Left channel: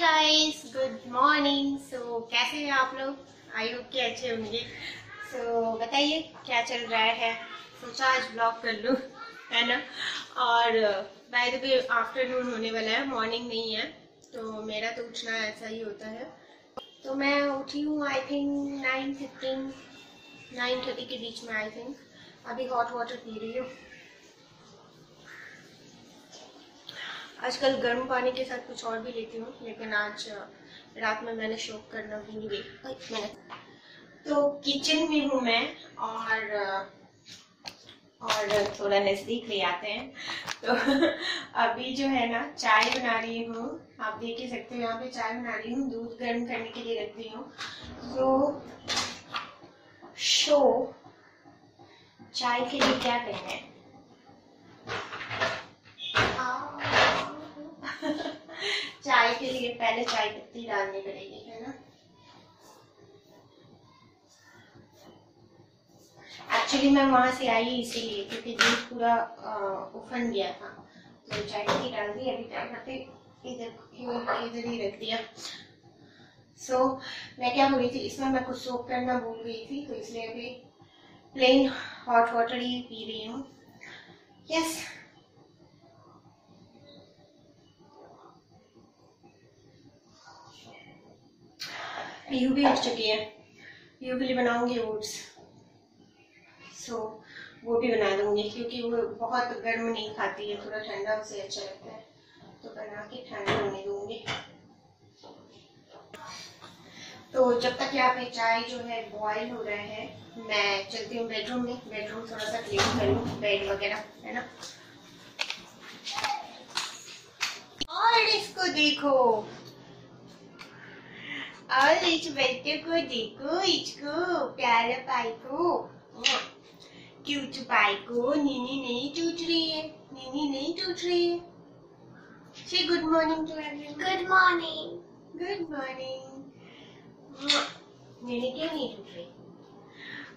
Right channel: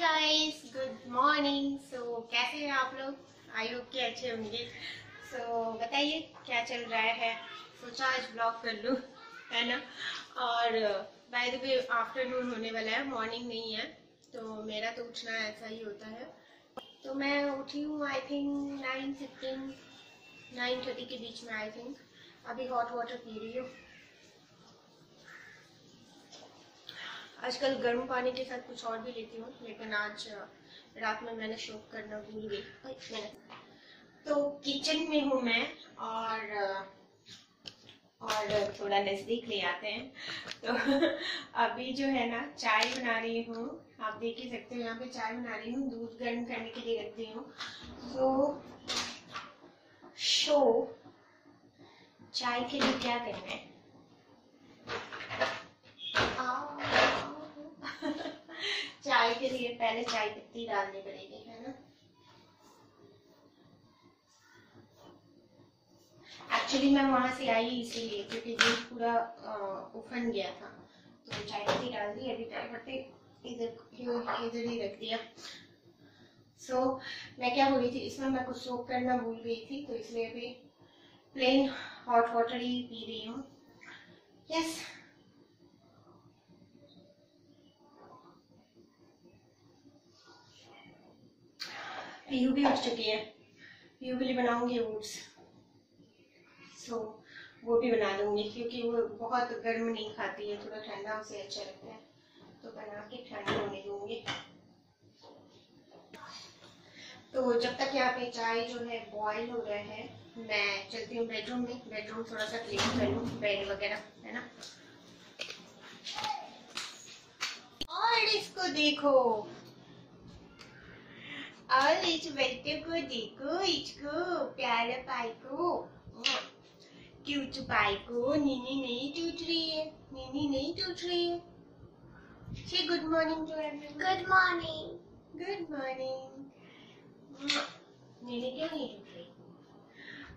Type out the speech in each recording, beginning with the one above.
Guys, good morning. सो कैसे हैं आप लोग? आई होप कि अच्छे होंगे। सो बताइए क्या चल रहा है। सोचा आज ब्लॉग कर लूँ, है ना। और बाय द वे आफ्टरनून होने वाला है, मॉर्निंग नहीं है। तो मेरा तो उठना ऐसा ही होता है। तो मैं उठी हूँ आई थिंक 9:15 9:30 के बीच में। आई थिंक अभी हॉट वाटर पी रही हूँ। आजकल गर्म पानी के साथ कुछ और भी लेती हूँ, लेकिन आज रात में मैंने शौक करना भूल गई। तो किचन में हूँ मैं और थोड़ा नज़दीक ले आते हैं। तो अभी जो है ना, चाय बना रही हूँ। आप देख ही सकते हो, यहाँ पे चाय बना रही हूँ, दूध गर्म करने के लिए रख दी हूँ। तो चाय के लिए क्या करना है, चाय के लिए पहले चाय पत्ती डालनी पड़ेगी, है ना। एक्चुअली मैं वहां से आई इसीलिए, क्योंकि दूध पूरा उफन गया था। तो चाय पत्ती डाल दी। अभी चाय पत्ती इधर ही रख दिया। सो मैं क्या बोल रही थी, इसमें मैं कुछ सोक करना भूल गई थी, तो इसलिए अभी प्लेन हॉट वाटर ही पी रही हूँ। यस, पीहू भी उठ चुकी है। पीहू के लिए बनाऊंगी ओट्स। सो वो भी बना दूंगी, क्योंकि वो बहुत गर्म नहीं खाती है, थोड़ा ठंडा उसे अच्छा लगता है। तो बना के ठंडा होने दूंगी। तो जब तक यहाँ पे चाय जो है बॉईल हो रहा है, मैं चलती हूँ बेडरूम में। बेडरूम थोड़ा सा क्लीन कर लूँ, बेड वगैरह, है ना। और इसको देखो, और इस बच्चे को देखो, इसको प्यारा पाई को, क्यूट पाई को। नीनी नहीं टूट रही है, नीनी नहीं टूट रही है। Say good morning to everyone. Good morning. Good morning. नीनी क्यों नहीं टूट रही?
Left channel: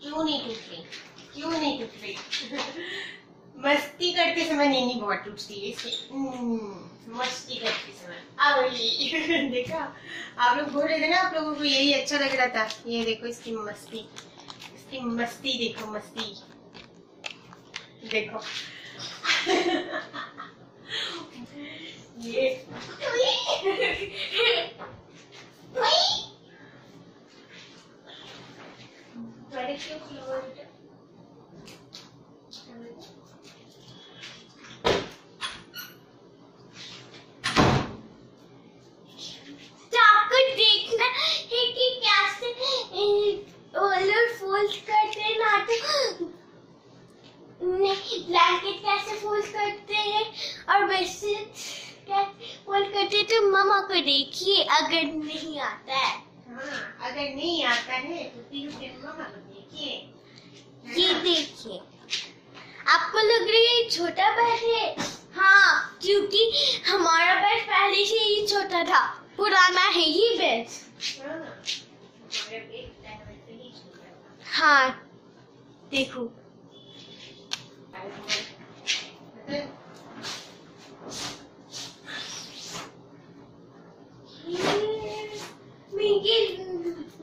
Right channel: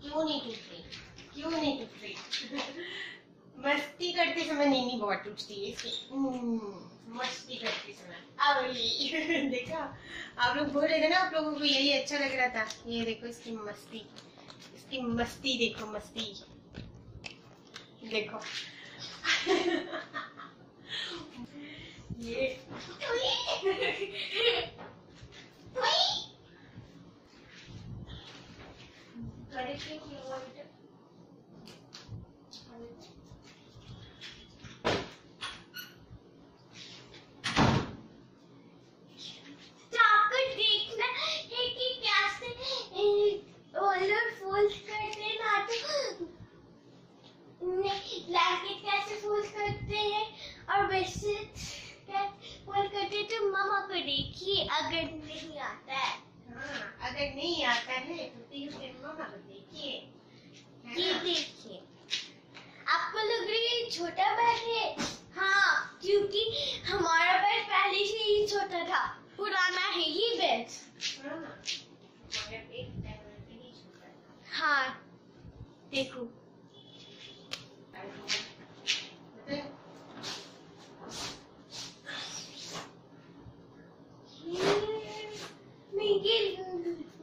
क्यों नहीं टूट रही? क्यों नहीं टूट रही? मस्ती करते समय नीनी बहुत टूटती है इसे। मस्ती करते समय। देखा, आप लोग बोल रहे थे ना, आप लोगों को यही अच्छा लग रहा था। ये देखो इसकी मस्ती, इसकी मस्ती देखो, मस्ती देखो। ये ब्लैंकेट कैसे फोल्ड करते हैं और बेडशीट कैसे फोल्ड करते हैं, तो मम्मा को देखिए। अगर नहीं आता है, हाँ, अगर नहीं आता है तो फिर मम्मा को देखिए। ये देखिए। आपको लग रही है छोटा बेड है? हाँ, क्योंकि हमारा बेड पहले से ही छोटा था, पुराना है ये बेड। हाँ, देखो।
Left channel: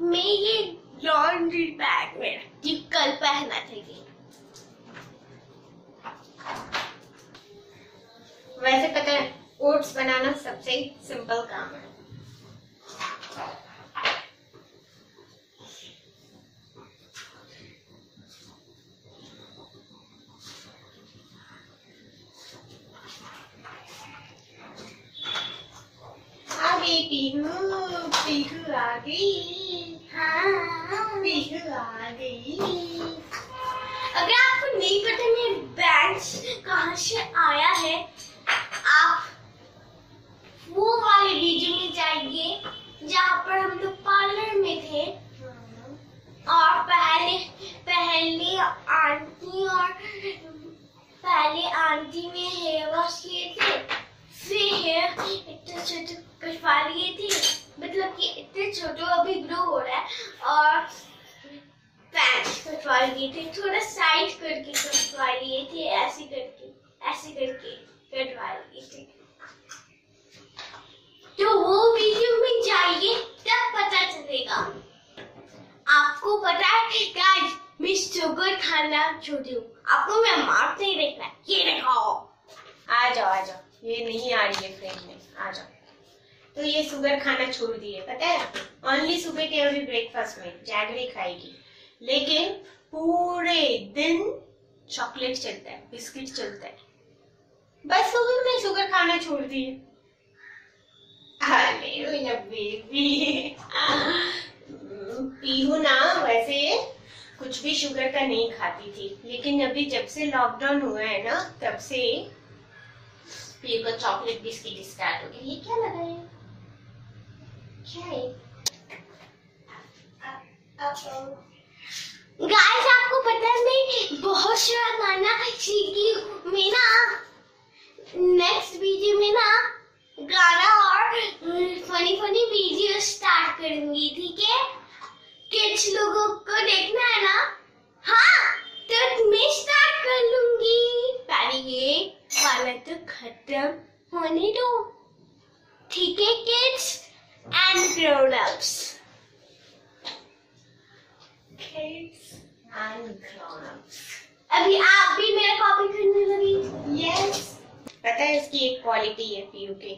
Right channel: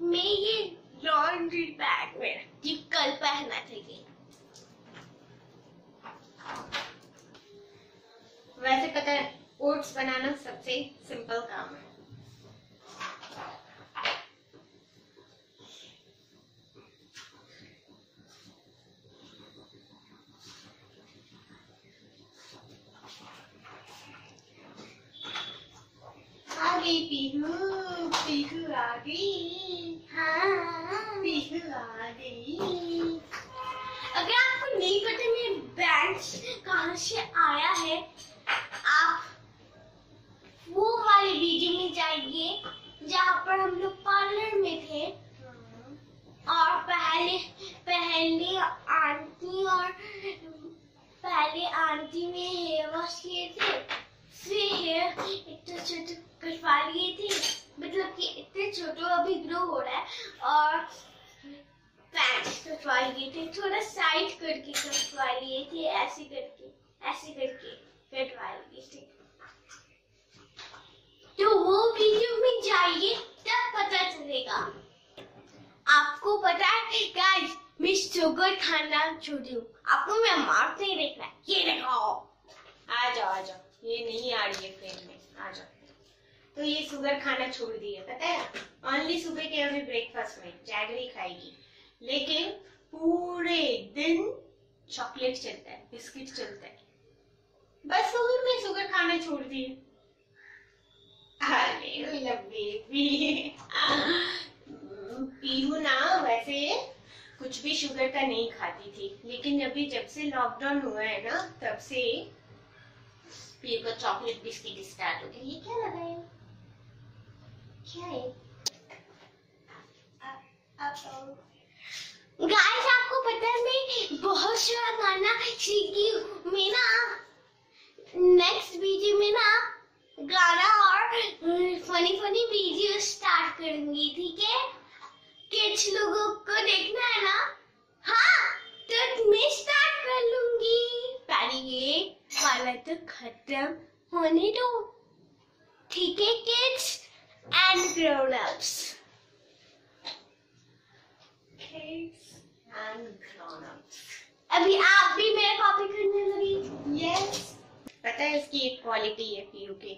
मैं ये लॉन्ड्री बैग में रखती हूँ, कल पहना था ये। वैसे पता है, ओट्स बनाना सबसे सिंपल काम है। पीहू, पीहू आ गई। हाँ, पीहू आ गई। अगर आपको नहीं पता मेरे बैंक कहाँ से आया है, आप वो वाले वीडियो में जाइए जहाँ पर हम लोग पार्लर में थे। और पहले आंटी ने हेयर वॉश किए थे, फिर हेयर इतने छोटे कटवा लिए थे, मतलब कि इतने छोटे अभी ग्रो हो रहा है, और पैंट कटवा लिए थे, थोड़ा साइड करके कटवा लिए थे, ऐसे करके कटवा लिए थे। तो वो वीडियो शुगर खाना छोड़ दूं। आपको मैं मार्क नहीं देखना है, ये देखो। आ जाओ, ये नहीं आ रही है फ्रेम में, आ जाओ। तो ये शुगर खाना छोड़ दी है, पता है? ओनली सुबह के अभी ब्रेकफास्ट में जैगरी खाएगी, लेकिन पूरे दिन चॉकलेट चलता है, बिस्किट चलता है। बस हो गई, मैं शुगर खाना छोड़ दी है। अरे मेरा बेबी पीहू ना वैसे कुछ भी शुगर का नहीं खाती थी, लेकिन अभी जब से लॉकडाउन हुआ है ना, तब से पीहू का चॉकलेट बिस्किट स्टार्ट हो गया। ये क्या लगा है? क्या है? गाइस आपको पता है मैं बहुत सारा गाना सीखी हूँ। मैं ना नेक्स्ट वीडियो में ना गाना और फनी फनी वीडियो स्टार्ट करूंगी, ठीक है? किड्स लोगों को देखना है ना? हाँ, तो मैं स्टार्ट कर लूंगी। पहले ये वाला तो खत्म होने दो, ठीक है kids and grown ups. Kids and grown-ups. अभी आप भी मेरा कॉपी करने लगी। Yes. पता है इसकी एक क्वालिटी है पीयू की,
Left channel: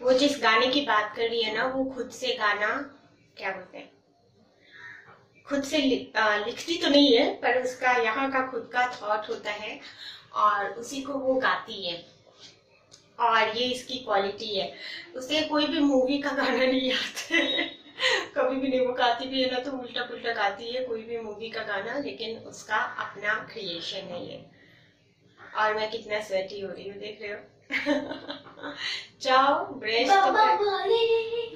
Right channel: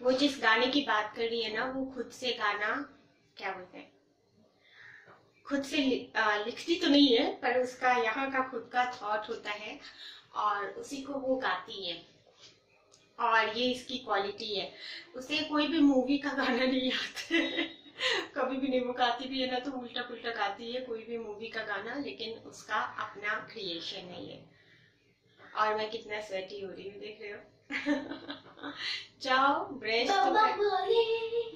वो जिस गाने की बात कर रही है ना, वो खुद से गाना क्या बोलते हैं, खुद से लिखती तो नहीं है, पर उसका यहाँ का खुद का थॉट होता है और उसी को वो गाती है। और ये इसकी क्वालिटी है, उसे कोई भी मूवी का गाना नहीं आता है कभी भी नहीं। वो गाती भी है ना तो उल्टा पुल्टा गाती है कोई भी मूवी का गाना, लेकिन उसका अपना क्रिएशन है ये। और मैं कितना स्वेटी हो रही हूँ, देख रहे हो? जाओ ब्रश तो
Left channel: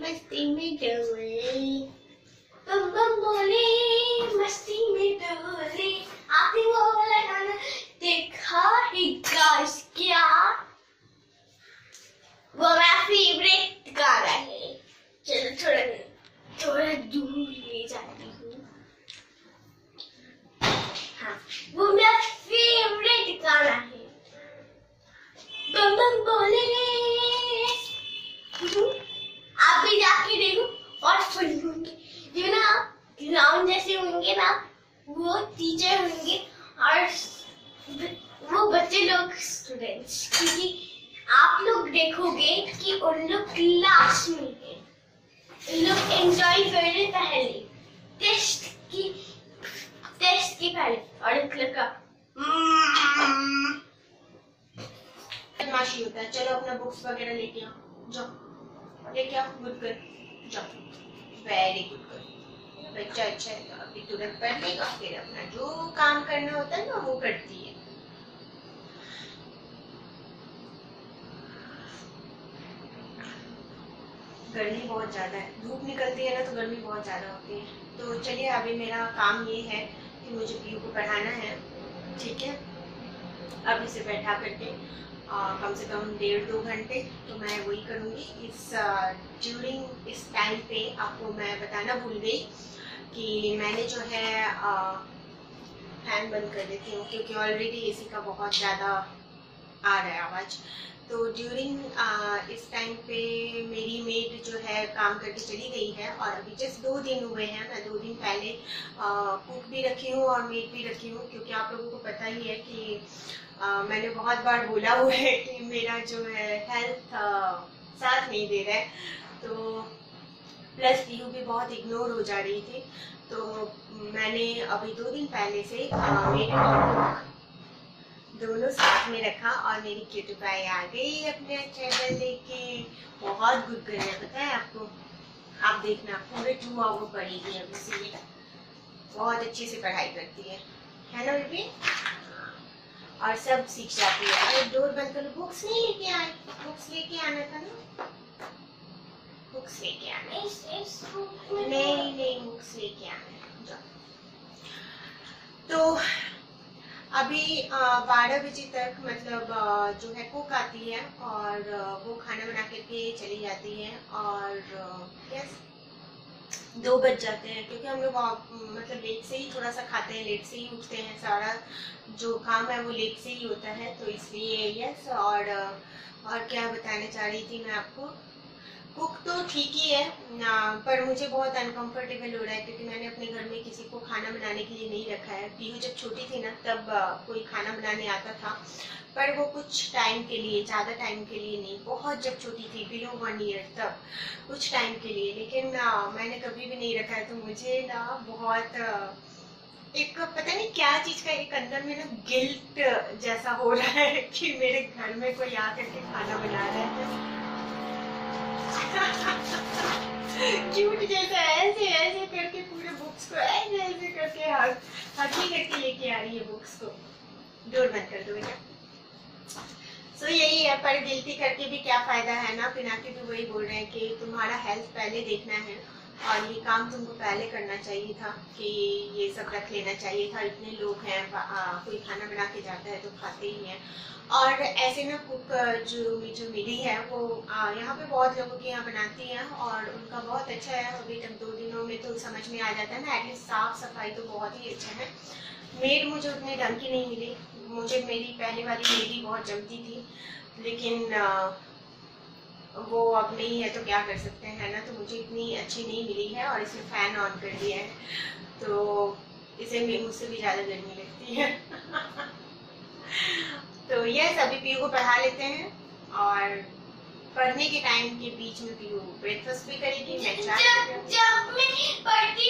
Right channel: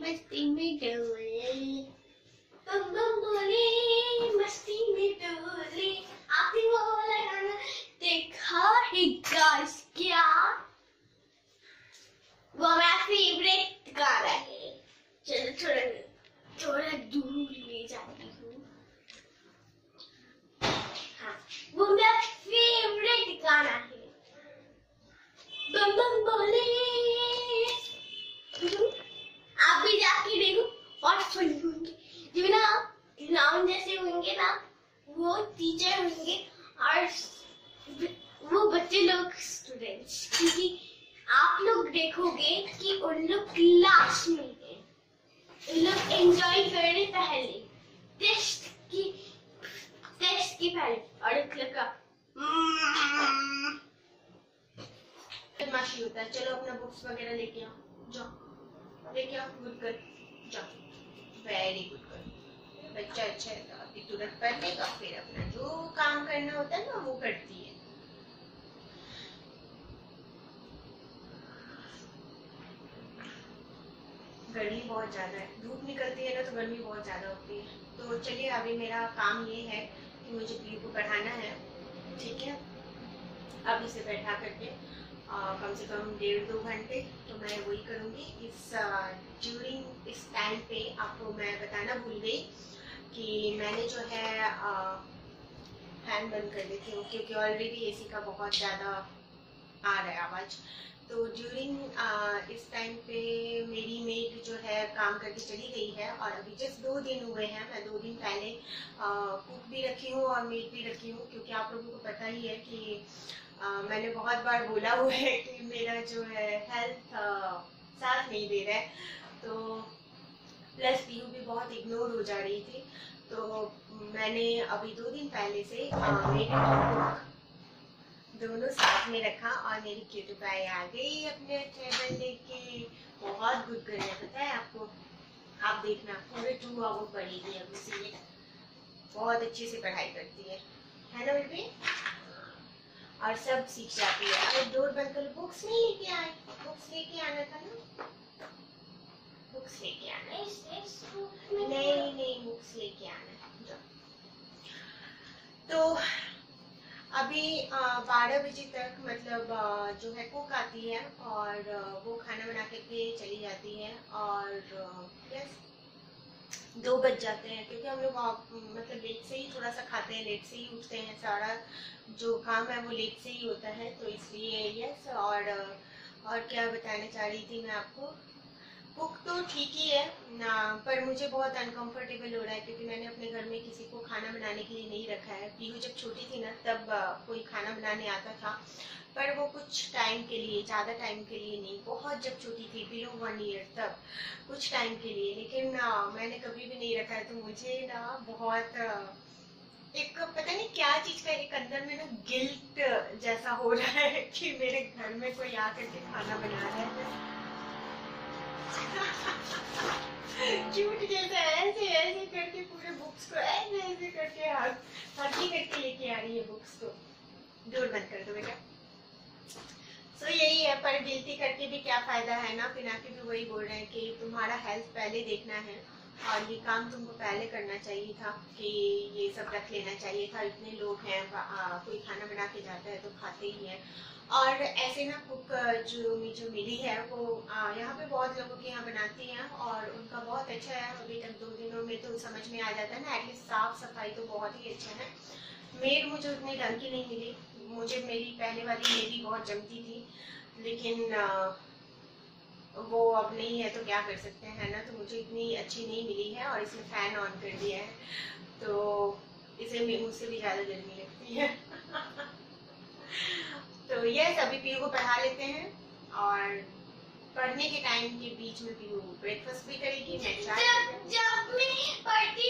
मस्ती में डोले, मस्ती में डोले। आपने वो वाला गाना देखा है गाइस क्या? वो मेरा फेवरेट गाना है। चलो थोड़ा दूर ले जाती हूँ। हाँ, वो मेरा फेवरेट गाना है। बम बम बोले। आप भी जाके देखो और फनी होंगे। जो ना क्लाउन जैसे होंगे ना, वो टीचर होंगे और वो बच्चे लोग स्टूडेंट्स, क्योंकि आप लोग देखोगे कि उन लोग क्लास में हैं, उन लोग एंजॉय कर रहे पहले टेस्ट की पहले, और एक लड़का बदमाशी होता है। चलो अपना बुक्स वगैरह लेके आओ, जाओ लेके आओ। गुड गर्ल, जाओ, वेरी गुड गर्ल। बच्चा अच्छा है तो अभी तुरंत पढ़ लेगा, फिर अपना जो काम करना होता है ना वो करती है। गर्मी बहुत ज़्यादा है, धूप निकलती है ना तो गर्मी बहुत ज़्यादा होती है। तो चलिए अभी मेरा काम ये है कि मुझे पीयू को पढ़ाना है, ठीक है? अब इसे बैठा करके कम से कम 1.5-2 घंटे तो मैं वही करूँगी। ड्यूरिंग इस टाइम पे आपको मैं बताना भूल गई कि मैंने जो है फैन बंद कर देती हूँ, क्योंकि ऑलरेडी एसी का बहुत ज़्यादा आ रहा है आवाज़। तो ड्यूरिंग इस टाइम पे मेरी मेड जो है काम करके चली गई है, और अभी जस्ट 2 दिन हुए हैं। मैं 2 दिन पहले कुक भी रखी हूँ और मेड भी रखी हूँ, क्योंकि आप लोगों को पता ही है कि मैंने बहुत बार बोला हुआ है कि मेरा जो है हेल्थ साथ नहीं दे रहा है। तो प्लस पीयू भी बहुत इग्नोर हो जा रही थी, तो मैंने अभी 2 दिन पहले से मेड और कुक दोनों साथ में रखा, और मेरी क्यूटी पाई आ गई अपने टेबल लेके। बहुत गुड गर्ल है, पता है आपको? आप देखना पूरे 2 आवर पढ़ेगी अभी से, ये बहुत अच्छे से पढ़ाई करती है ना बेबी? और सब सीख जाती है। अरे डोर बंद करो, बुक्स नहीं लेके आए, बुक्स लेके आना था ना, बुक्स लेके आना। नहीं बुक्स लेके आना। जाओ। तो अभी 12 बजे तक मतलब जो है कुक आती है, और वो खाना बना करके चली जाती है, और यस 2 बज जाते हैं, क्योंकि हम लोग मतलब लेट से ही थोड़ा सा खाते हैं, लेट से ही उठते हैं, सारा जो काम है वो लेट से ही होता है, तो इसलिए यस। और क्या बताना चाह रही थी मैं आपको? कुक तो ठीक ही है पर मुझे बहुत अनकंफर्टेबल हो रहा है क्योंकि मैंने अपने घर में किसी को खाना बनाने के लिए नहीं रखा है। पीहू जब छोटी थी ना तब कोई खाना बनाने आता था, पर वो कुछ टाइम के लिए, ज़्यादा टाइम के लिए नहीं, बहुत जब छोटी थी बिलो 1 ईयर तब कुछ टाइम के लिए। लेकिन मैंने कभी भी नहीं रखा है, तो मुझे ना बहुत एक पता नहीं क्या चीज का एक अंदर में ना गिल्ट जैसा हो रहा है कि मेरे घर में कोई आकर के खाना बना रहा है। क्यूट जैसा ऐसे ऐसे करके पूरे बुक्स को ऐसे ऐसे करके हकी करके लेके आ रही है बुक्स को। डोर बंद कर दो बेटा। सो यही है, पर गिल्टी करके भी क्या फायदा है ना। पिनाकी भी वही बोल रहे हैं कि तुम्हारा हेल्थ पहले देखना है और ये काम तुमको पहले करना चाहिए था कि ये सब रख लेना चाहिए था। इतने लोग हैं, कोई खाना बना के जाता है तो खाते ही हैं। और ऐसे ना कुक जो मिली है वो यहाँ पे बहुत लोगों के यहाँ बनाती हैं और उनका बहुत अच्छा है। अभी तक 2 दिनों में तो समझ में आ जाता है ना, एटलीस्ट साफ सफाई तो बहुत ही अच्छा है। मेड मुझे उतने ढंग की नहीं मिली, मुझे मेरी पहले वाली मेड ही बहुत जमती थी, लेकिन वो अब नहीं है तो क्या कर सकते हैं ना। तो मुझे इतनी अच्छी नहीं मिली है और इसने फैन ऑन कर दिया है तो इसे मुझसे भी ज़्यादा गर्मी लगती है। तो यस, अभी पीयू को पढ़ा लेते हैं और पढ़ने के टाइम के बीच में पीयू ब्रेकफास्ट भी करेगी। मैं चाय जब मैं पढ़ती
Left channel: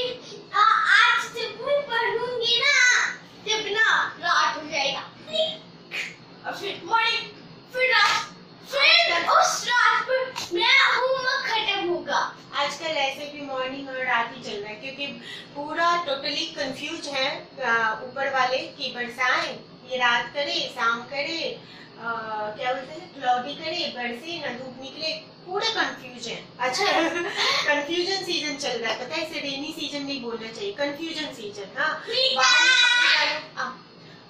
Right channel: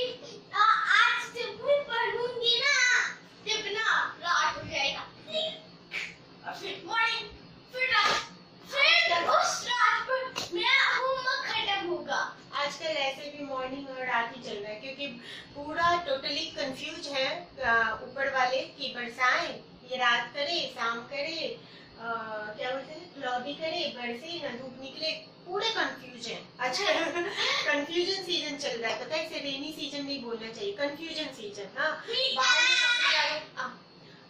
आज जब मैं पढ़ूंगी ना तब ना रात हो जाएगा और फिर मॉर्निंग, फिर रात, फिर उस रात पर मेरा होमवर्क खत्म होगा। आजकल ऐसे भी मॉर्निंग और रात ही चल रहा है क्योंकि पूरा टोटली कंफ्यूज है ऊपर वाले कि बरसाएं, ये रात करे, शाम करे, क्या बोलते हैं, क्लॉडी करे, बरसे ना, धूप निकले, पूरे कंफ्यूज है। अच्छा कंफ्यूजन सीजन चल रहा है, पता है। इसे रेनी सीजन नहीं बोलना चाहिए, कंफ्यूजन सीजन। हाँ,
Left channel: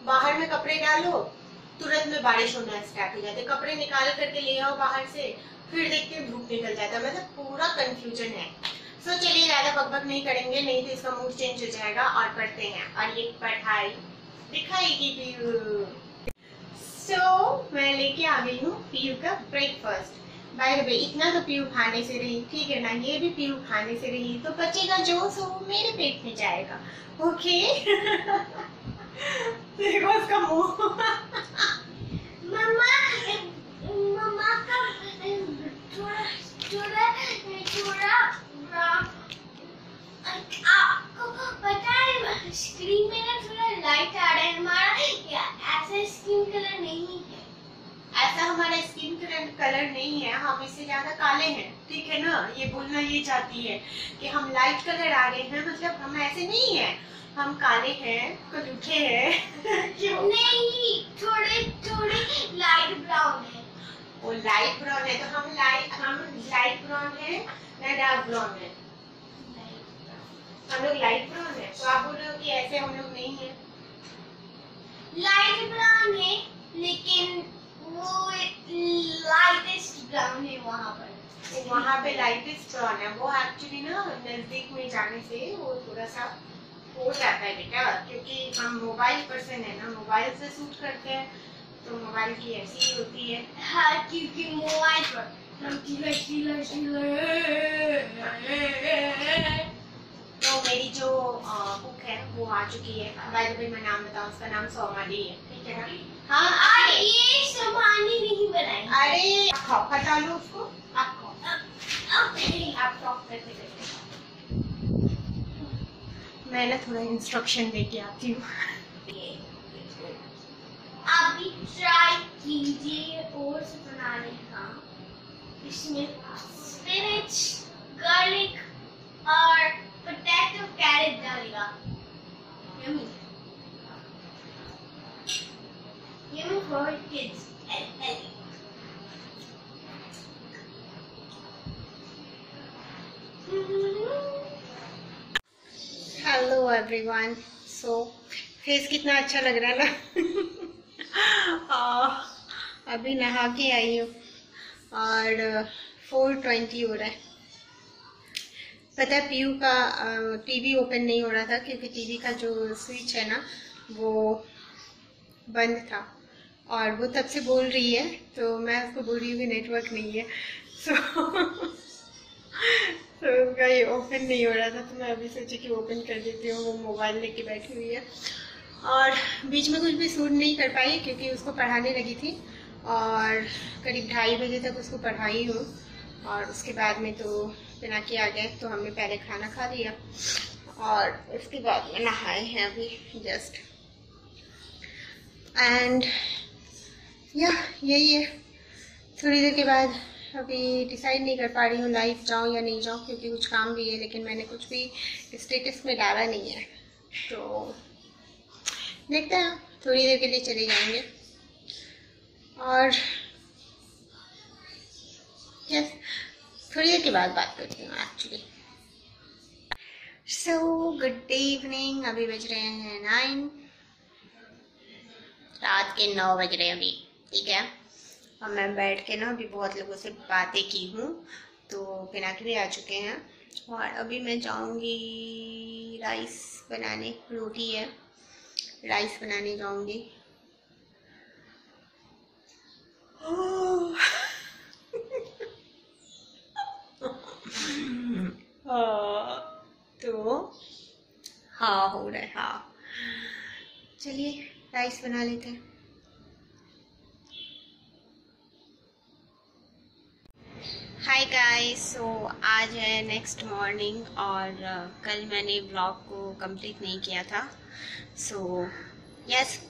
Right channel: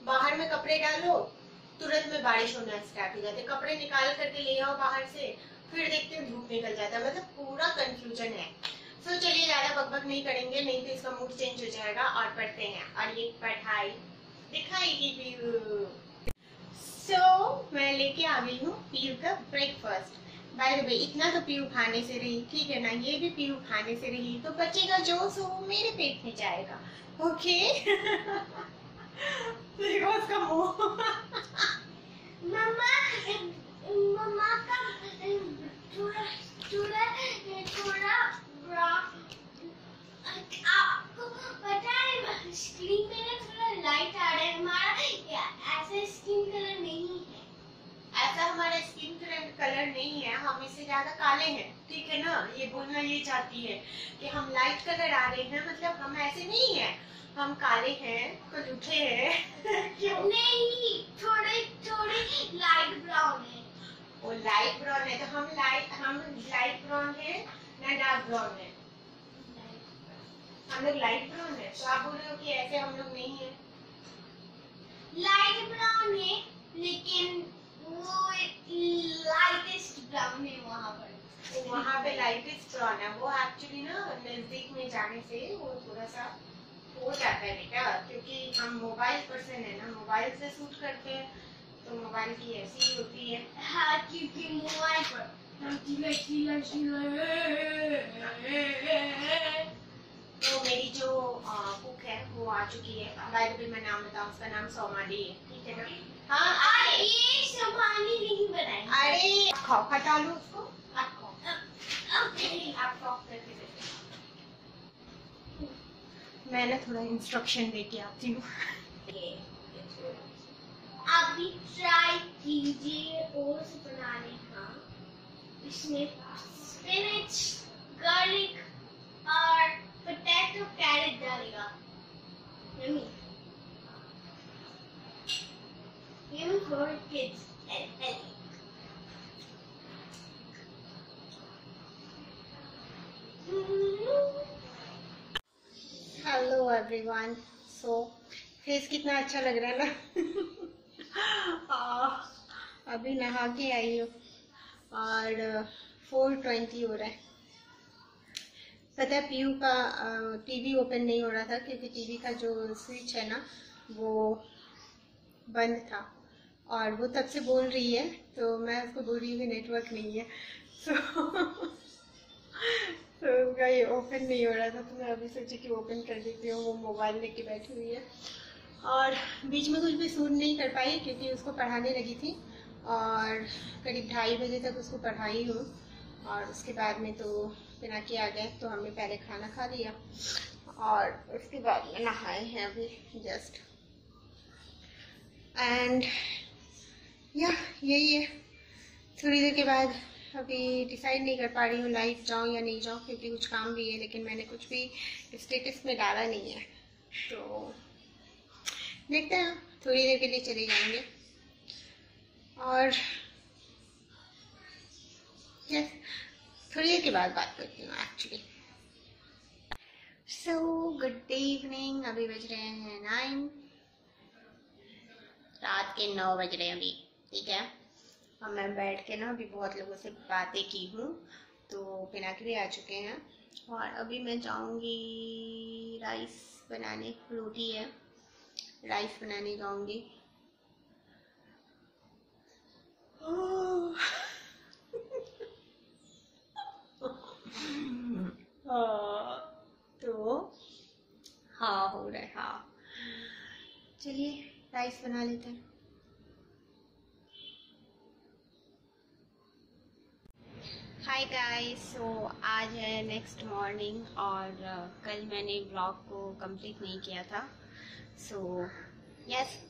बाहर में कपड़े डालो तुरंत में बारिश होना स्टार्ट हो जाती है, कपड़े निकाल करके ले आओ बाहर से, फिर देखते हैं धूप निकल जाता है, मतलब पूरा कंफ्यूजन है। सो चलिए ज्यादा बकबक नहीं करेंगे, नहीं तो इसका मूड चेंज हो जाएगा। और पढ़ते हैं और ये पढ़ाई दिखाएगी पीयू। सो मैं लेके आ गई हूँ पीयू का ब्रेकफास्ट। बाय द वे इतना तो पीयू खाने से रही, ठीक है ना, ये भी पीयू खाने से रही, तो बचेगा जो सो मेरे पेट में जाएगा। ओके देखो उसका मुंह। मम्मा मम्मा का थोड़ा थोड़ा थोड़ा आपको पता है स्क्रीन में ना थोड़ा लाइट आ रहा है, हमारा ऐसा स्किन कलर नहीं है। ऐसा हमारा स्किन कलर नहीं है, हम इससे ज्यादा काले हैं, ठीक है ना। ये बोलना ये चाहती है कि हम लाइट कलर आ रहे हैं, मतलब हम ऐसे नहीं है, हम काले हैं, कलूठे हैं। क्यों? नहीं, थोड़े थोड़े लाइट ब्राउन है। वो लाइट ब्राउन है तो हम लाइट ब्राउन है ना डार्क ब्राउन है? हम लोग लाइट ब्राउन है, तो आप बोल रहे हो कि ऐसे हम लोग नहीं है? लाइट ब्राउन है लेकिन वो लाइटेस्ट ब्राउन है वहाँ पे लाइटेस्ट ब्राउन है। वो एक्चुअली ना नजदीक में जाने से वो थोड़ा सा हो जाता है बेटा, क्योंकि हम मोबाइल पर्सन है ना, मोबाइल से शूट करते हैं तो मोबाइल की ऐसी ही होती है। हाँ, क्योंकि मोबाइल पर तो मेरी जो कुक है वो आ चुकी है। बाय द वे मैं नाम बताऊं, उसका नाम सोमाली है, ठीक है ना। हाँ, और ये सोमाली नहीं बनाई। अरे खाओ, हटा लो उसको, आप खाओ, आप खाओ। मैं ना थोड़ा इंस्ट्रक्शन लेके आती हूँ। आप भी ट्राई कीजिए ओट्स बनाने का। इसमें स्पिनच, गार्लिक और पोटैटो कैरेट डालेगा। Yummy yummy for kids and healthy. Hello everyone. So face कितना अच्छा लग रहा है ना। अभी नहा के आई हूँ और 4:20 हो रहा है। पता है पीयू का टीवी ओपन नहीं हो रहा था क्योंकि टीवी का जो स्विच है ना वो बंद था और वो तब से बोल रही है, तो मैं उसको बोल रही हूँ कि नेटवर्क नहीं है। सो तो उसका ये ओपन नहीं हो रहा था, तो मैं अभी सोची कि ओपन कर देती हूँ। वो मोबाइल लेके बैठी हुई है और बीच में कुछ भी शूट नहीं कर पाई क्योंकि उसको पढ़ाने लगी थी और करीब 2:30 बजे तक उसको पढ़ाई हूँ। और उसके बाद में तो पिनाकी आ गए, तो हमने पहले खाना खा लिया और उसके बाद में नहाए हैं अभी जस्ट। एंड यही है। थोड़ी देर के बाद अभी डिसाइड नहीं कर पा रही हूँ लाइव जाऊँ या नहीं जाऊँ, क्योंकि कुछ काम भी है, लेकिन मैंने कुछ भी स्टेटस में डाला नहीं है। तो देखते हैं, थोड़ी देर के लिए चले जाएंगे। और यस, थोड़ी देर के बाद बात करती हूँ एक्चुअली। So good evening. अभी बज रहे हैं 9, रात के 9 बज रहे हैं अभी, ठीक है। और मैं बैठ के ना अभी बहुत लोगों से बातें की हूँ, तो पिनाकी भी आ चुके हैं और अभी मैं जाऊँगी राइस बनाने। रोटी है, राइस बनाने जाऊँगी। तो हाँ हो रहा है, हाँ। चलिए राइस बना लेते हैं। हाय गाइस, सो आज है नेक्स्ट मॉर्निंग और कल मैंने ब्लॉग को कंप्लीट नहीं किया था। सो यस,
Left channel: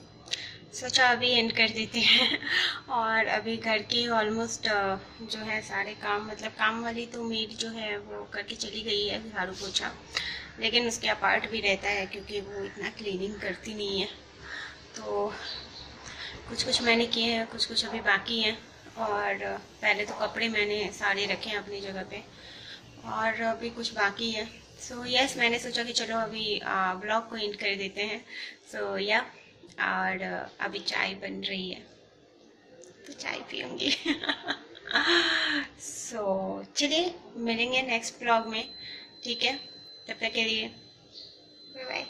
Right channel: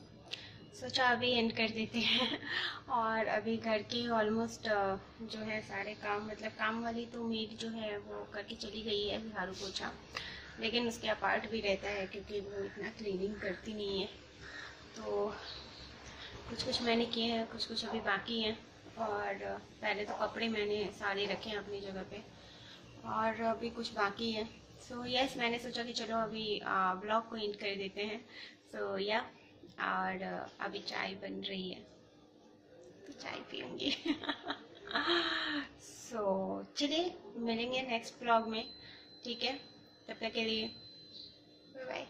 सोचा अभी एंड कर देते हैं। और अभी घर के ऑलमोस्ट जो है सारे काम, मतलब काम वाली तो मेड जो है वो करके चली गई है झाड़ू पोछा, लेकिन उसके अपार्ट भी रहता है क्योंकि वो इतना क्लीनिंग करती नहीं है। तो कुछ कुछ मैंने किए हैं, कुछ कुछ अभी बाकी हैं। और पहले तो कपड़े मैंने सारे रखे हैं अपनी जगह पे और अभी कुछ बाकी है। सो यस, मैंने सोचा कि चलो अभी ब्लॉग को एंड कर देते हैं। सो या और अभी चाय बन रही है तो चाय पीऊँगी। सो चलिए मिलेंगे नेक्स्ट ब्लॉग में, ठीक है। तब तक के लिए बाय बाय।